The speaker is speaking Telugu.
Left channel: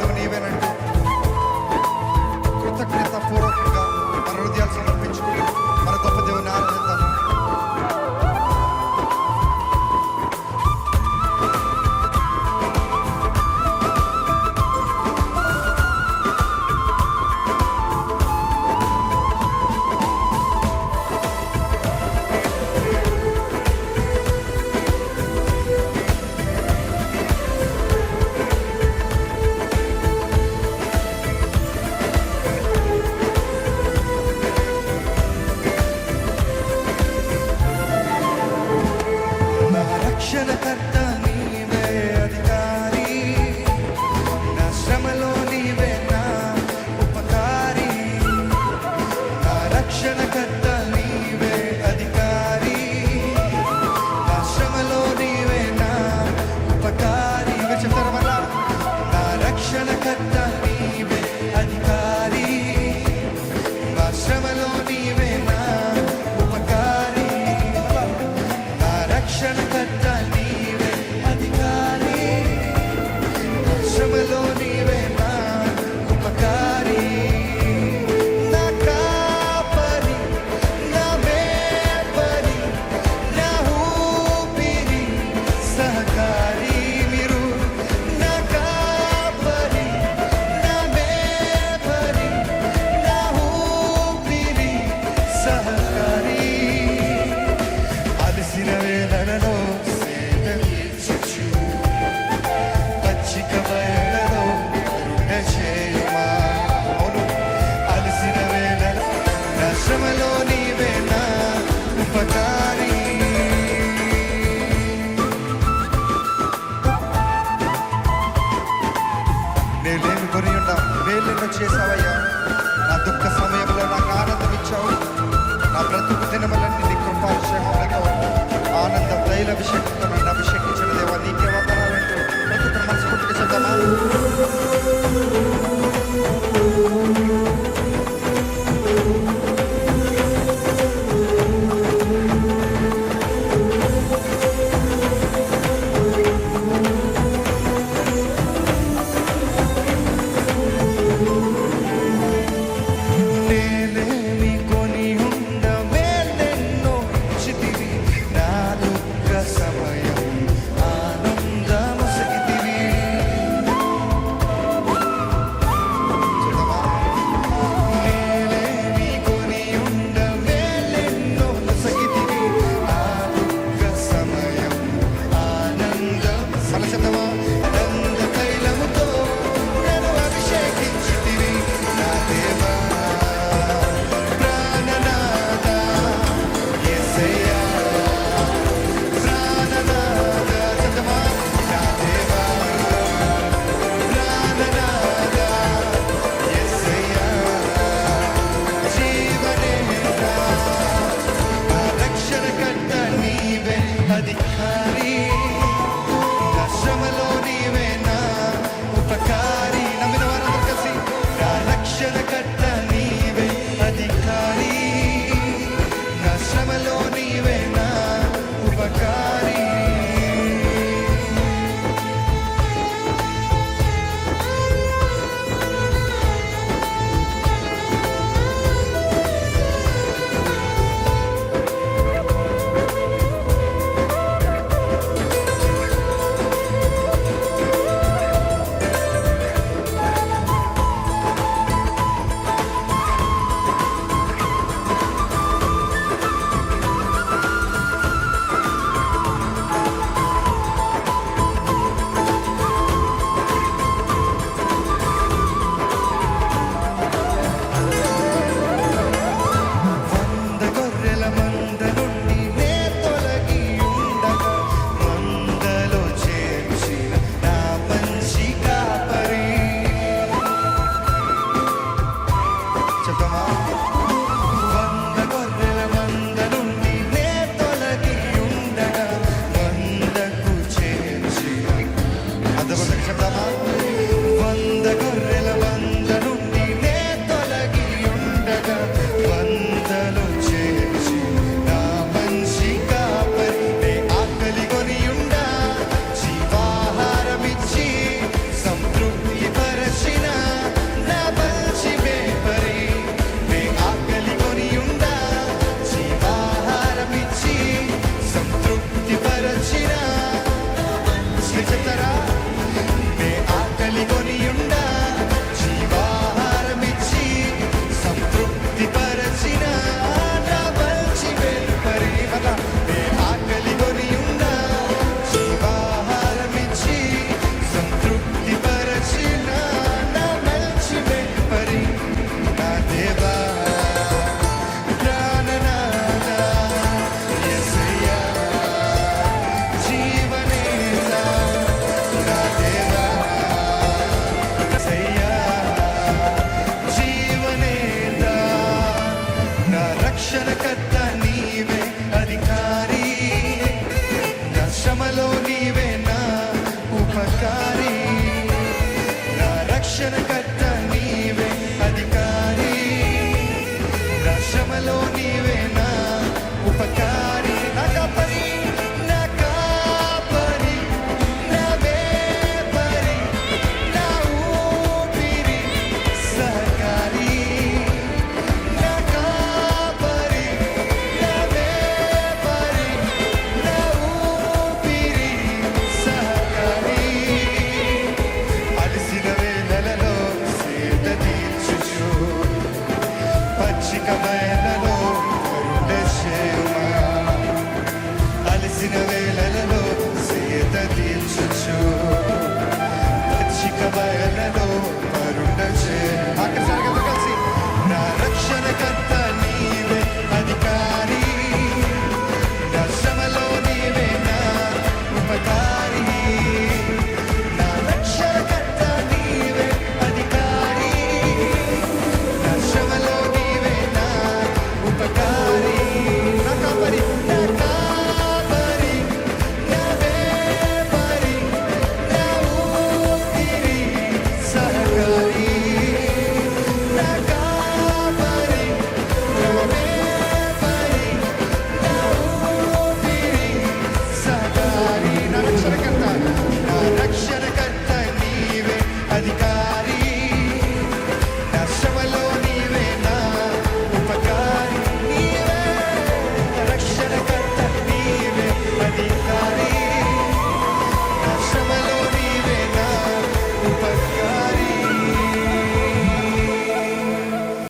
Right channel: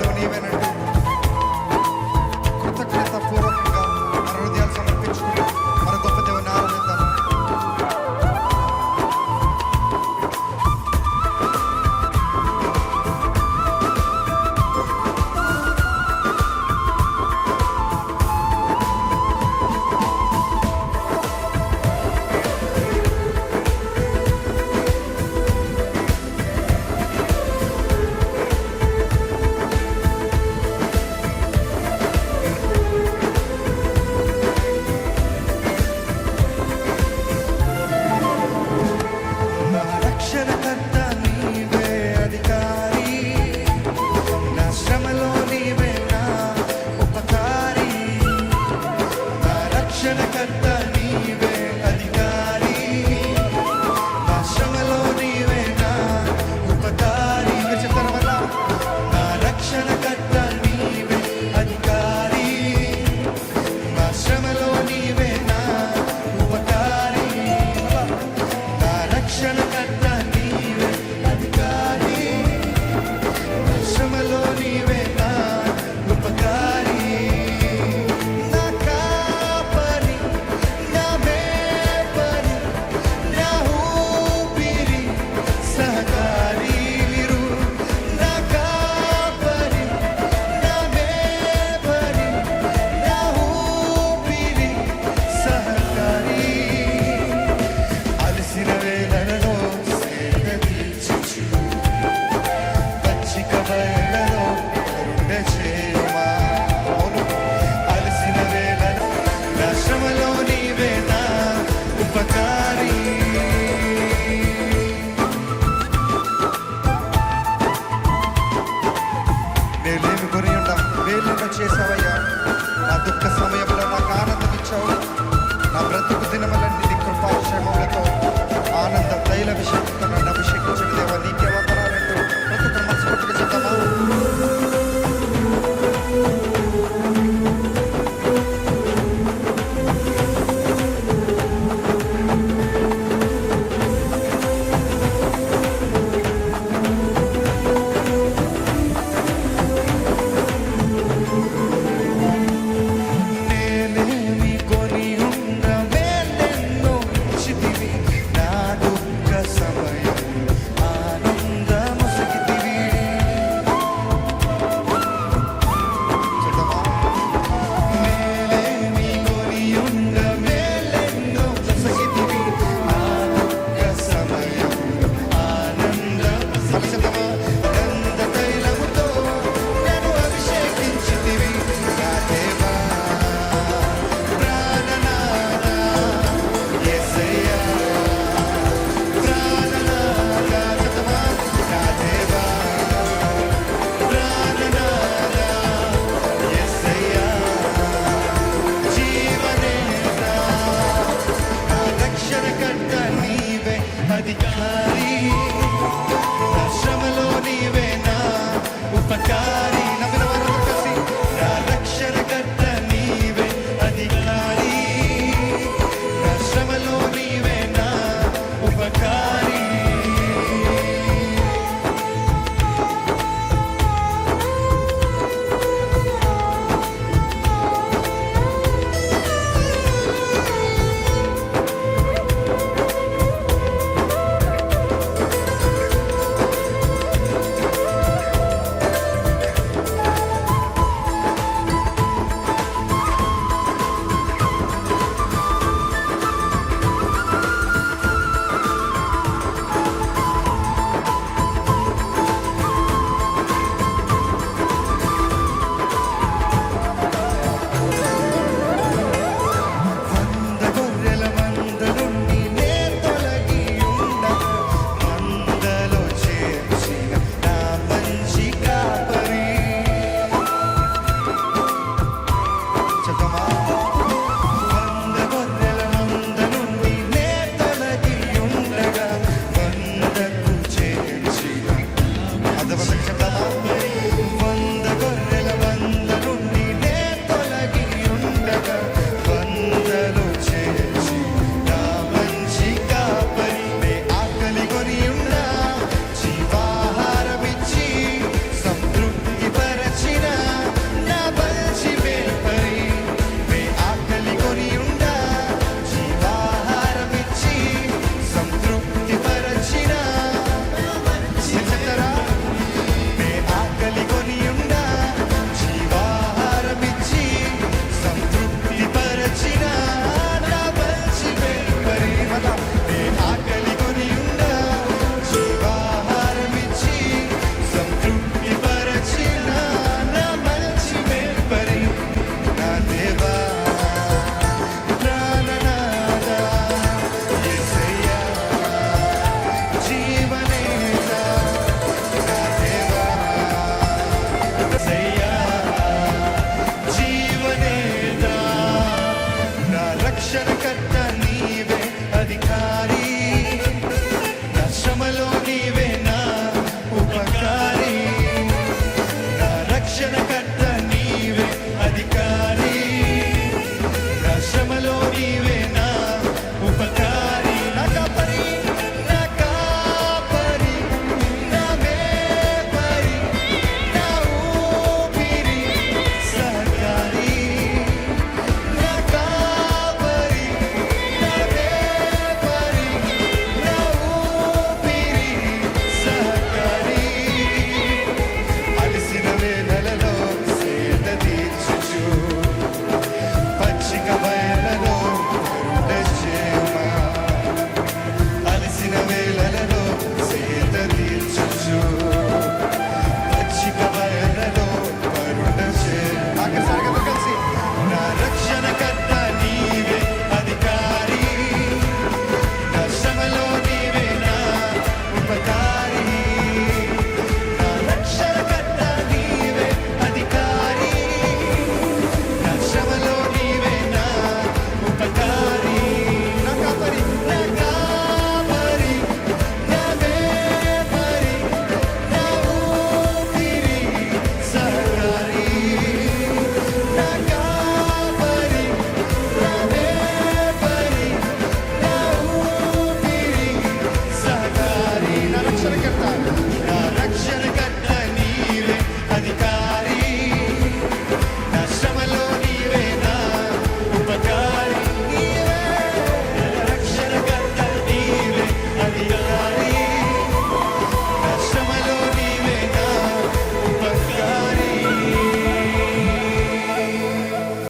దేవుడు నీవేనంటూ కృతజ్ఞత పూర్వకంగా మన హృదయాలు సమర్పించుకుంటూ మన గొప్ప దేవుని ఆరాధిద్దాము. రక్షణకర్త నీవే అధికారి, నా శ్రమలో నీవే నా ఉపకారి. నా రక్షణకర్త నీవే అధికారి, నా శ్రమలో నీవే నా ఉపకారి. మీరు చెప్తారా వల్ల? నా రక్షణకర్త నీవే అధికారి, నా శ్రమలో నీవే నా ఉపకారి. రక్షణకర్త నీవే అధికారి, నా శ్రమలో నీవే నా ఉపకారి. నా కాపరి, నా మేపరి, నా ఊపిరి సహకారి. మీరు నా కాపరి, నా మేపరి, నా ఊపిరి సహకారి. అలసిన వేళలలో సేద తీర్చుచు, పచ్చిక బయలలో కరుణ చేయుమా. అవును, అలసిన వేళలో నా శ్రమలో నీవే నా ఉపకారి. నేనేమి కొని ఉన్నాం, వేళ్ళెన్నో చేసావయ్యా. నా దుఃఖ సమయంలో నాకు ఆనందం ఇచ్చావు. నా బ్రతుకు దినములన్నీ నీ కృపాక్షేమములతో ఆనంద తైలాభిషేకంతో నన్ను అభిషేకించిన దేవా నీకే వందనాలంటూ ప్రతి ఒక్కరు మనస్ఫూర్తిగా చేద్దామా? సమయం ఆనందమొసగితివి. చూద్దామా? మేలేమి కొనియుండ మేలెన్నో నొసగితివి, ఆ దుఃఖ సమయం ఆనందం. మళ్ళీ చెప్దామా? ఆనంద తైలముతో నన్ను అభిషేకించితివి నా దేవా. రక్షణకర్త నీవే అధికారి, నా శ్రమలో నీవే నా ఉపకారి. నమ్మిన వారందరూ కలిసి నా రక్షణకర్త నీవే అధికారి, నా శ్రమలో నీవే నా ఉపకారి. పరచిన నా మంచి మేపరి నే ఆకలి కొనియుండా జీవాహారమిచ్చి సంతృప్తి పరచిన మీరు చెప్తారా నే ఆకలి కొనియుండా జీవాహారమిచ్చి సంతృప్తి పరచిన నా మంచి మేపరి మళ్ళా నే ఆకలి కొనియుండా జీవాహారమిచ్చి సంతృప్తి పరచిన నా మంచి మేపరి నా దేవా ప్రాణనాథ యేసయ్యా జీవనేత నా దేవా యేసయ్యా జీవనేత నా రక్షణకర్త నీవే అధికారి నా శ్రమలో నీవే నా ఉపకారి నా రక్షణకర్త నీవే అధికారి నా శ్రమలో నీవే నా ఉపకారి నా కాపరి నా కాపరి నా మేపరి నా ఊపిరి సహకారి నా కాపరి నా మేపరి నా ఊపిరి సహకారి అలసిన వేళలలో సేద తీర్చుచు పచ్చిక బయలలో కరుణ చేయుమా అలసిన వేళలలో సేద తీర్చుచు పచ్చిక బయలలో కరుణ చే ఆఖరిసారి అందరూ కలిసి నా రక్షణకర్త నీవే అధికారి నా శ్రమలో నీవే నా ఉపకారి నా రక్షణకర్త నీవే అధికారి నా శ్రమలో నీవే నా ఉపకారి నా కాపరి నా కాపరి నా మేపరి నా ఊపిరి సహకారి నా కాపరి నా మేపరి నా ఊపిరి సహకారి నా రక్షణకర్త నీవే అధికారి